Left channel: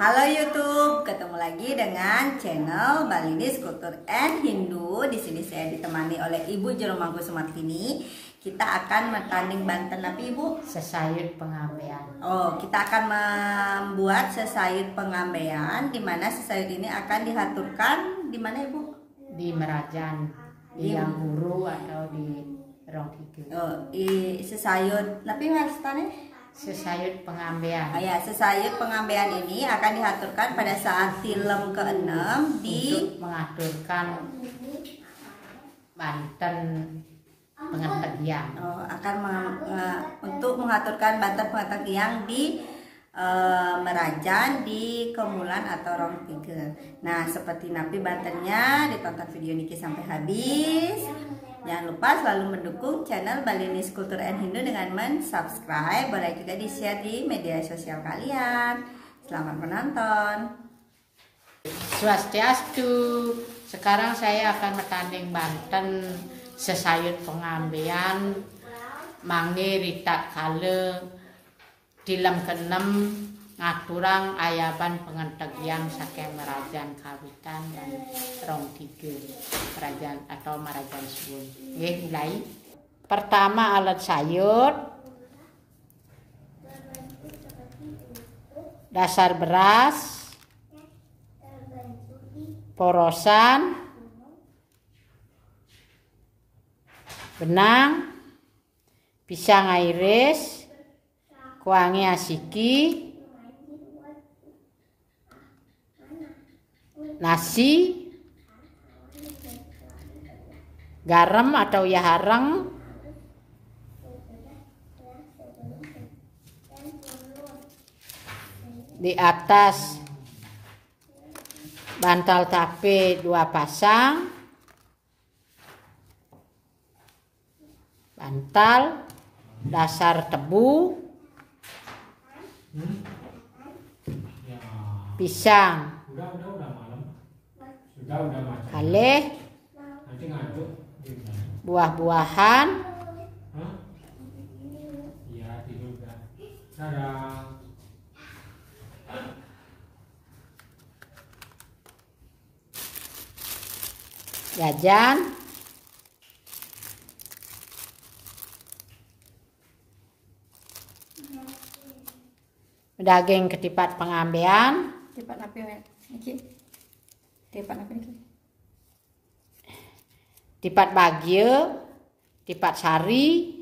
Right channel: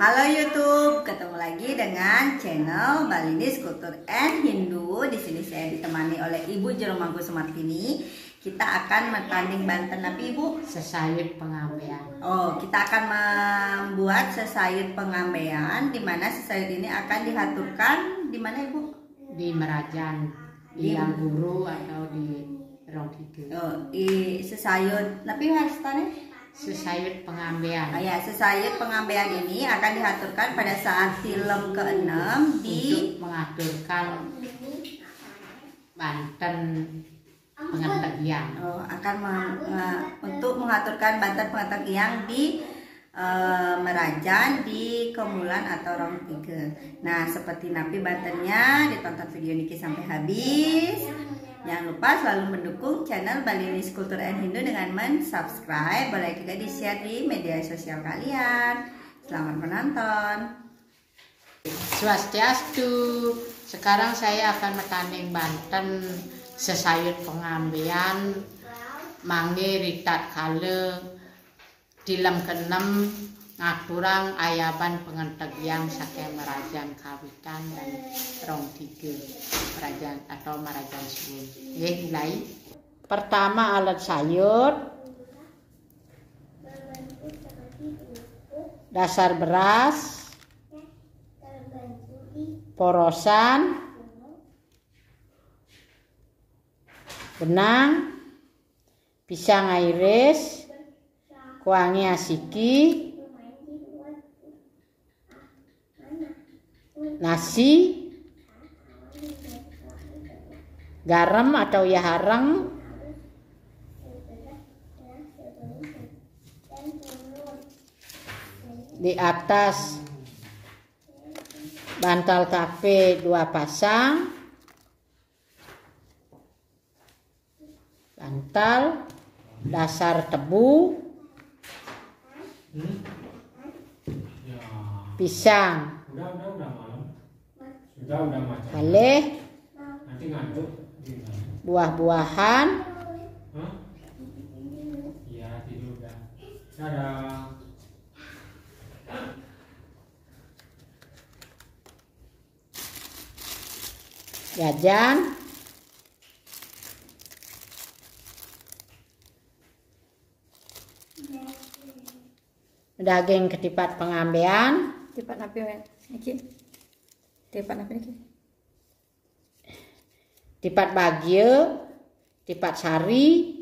Halo YouTube, ketemu lagi dengan channel Balinese Culture and Hindu. Di sini saya ditemani oleh Ibu Jeromangku Sumartini. Kita akan bertanding Banten apa Ibu? Sesayut pengambean. Oh, kita akan membuat sesayut pengambean, di mana sesayut ini akan dihaturkan di mana Ibu? Di Merajan, di Yang Guru atau di Rongkidu. Oh, di sesayut, tapi harus tanya? Sesayut pengambean. Ya, sesayut pengambean ini akan dihaturkan pada saat film ke-6 di untuk mengaturkan Banten Pengantegian. Untuk mengaturkan Banten Pengantegian di Merajan di Kemulan atau Rong 3. Nah, seperti napi Bantennya, ditonton video Niki sampai habis. Jangan lupa selalu mendukung channel Balinese Culture and Hindu dengan subscribe. Boleh juga di-share di media sosial kalian. Selamat menonton. Swastiastu. Sekarang saya akan bertanding Banten sesayut pengambean Mangge Rita Kale Tilam ke-6 ngaturang ayaban pengantegian saking Merajan Kawitan dan Rong 3 Merajan atau Merajan Suwun. Mulai. Pertama alat sayur, dasar beras, porosan, benang, pisang iris, kuangi asiki, nasi, garam atau yahareng, di atas bantal tape 2 pasang, bantal, dasar tebu, pisang, kaleh, buah-buahan, jajan, daging ketipat pengambean, Tipat napi niki. Tipat napi niki. tipat bagio, tipat sari,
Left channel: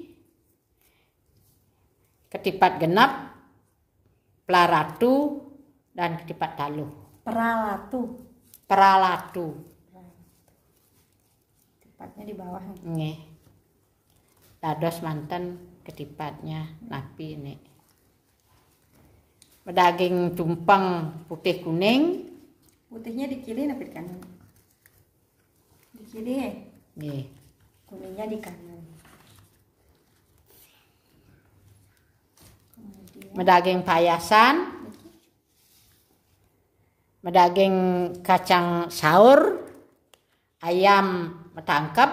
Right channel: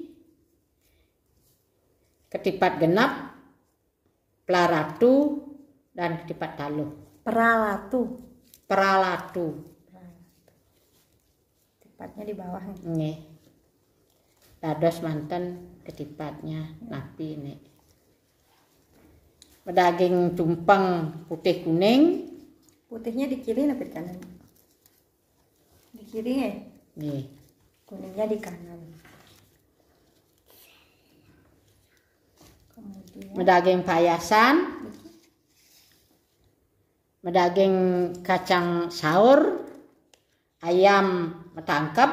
ketipat genap, pelaratu, dan ketipat taluh. Peralatu. Tipatnya di bawah. Nih. Dados manten ketipatnya napi ini. Daging tumpeng putih kuning. Putihnya di kiri napi di kanan. Di kiri ya. Nih. Kuningnya di kanan. Kemudian Daging payasan. Daging kacang saur. Ayam metangkep.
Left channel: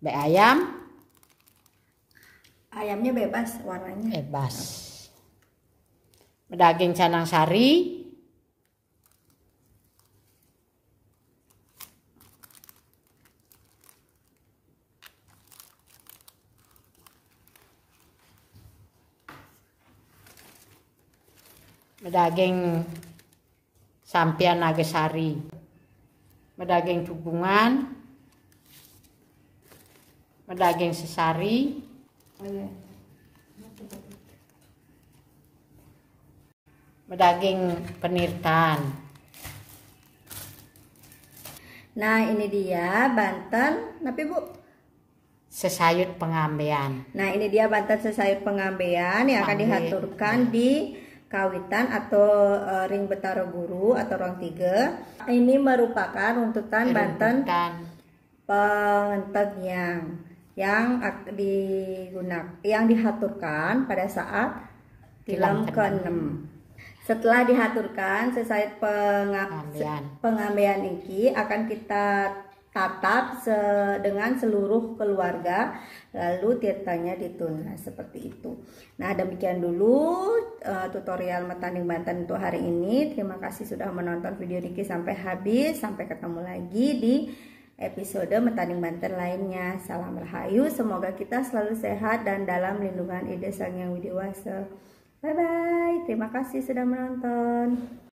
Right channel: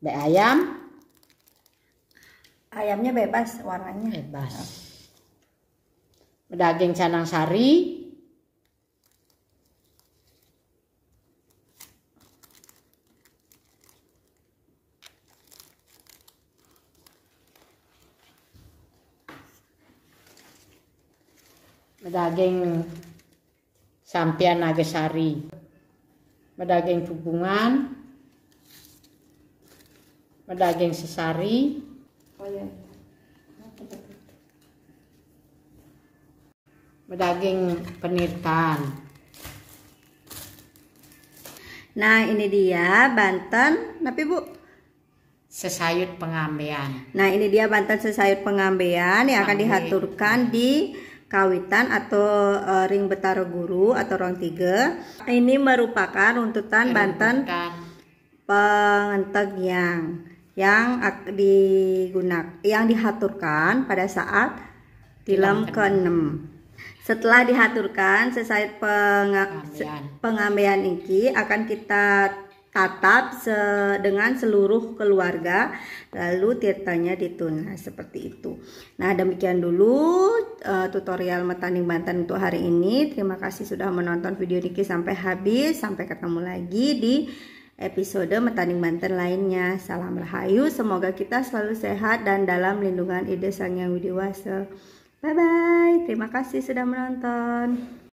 Ayam. ayamnya bebas warnanya. Bebas. Daging canang sari. Daging sampian nagasari, daging tubungan, daging sesari, daging penirtan. Nah, ini dia Banten, tapi Bu. Sesayut pengambean. Nah, ini dia Banten sesayut pengambean yang akan dihaturkan di Kawitan atau Ring Betara Guru atau Rong 3. Ini merupakan runtutan Banten Pengantegian yang dihaturkan pada saat tilam ke-6. Setelah dihaturkan sesayut pengambean ini akan kita tatap dengan seluruh keluarga, lalu tirtanya ditun. Nah, seperti itu. Nah, demikian dulu tutorial Metaning Banten untuk hari ini. Terima kasih sudah menonton video Niki sampai habis. Sampai ketemu lagi di episode Metaning Banten lainnya. Salam Rahayu, semoga kita selalu sehat dan dalam lindungan Ide Sang Hyang Widi Wasa. Bye bye. Terima kasih sudah menonton.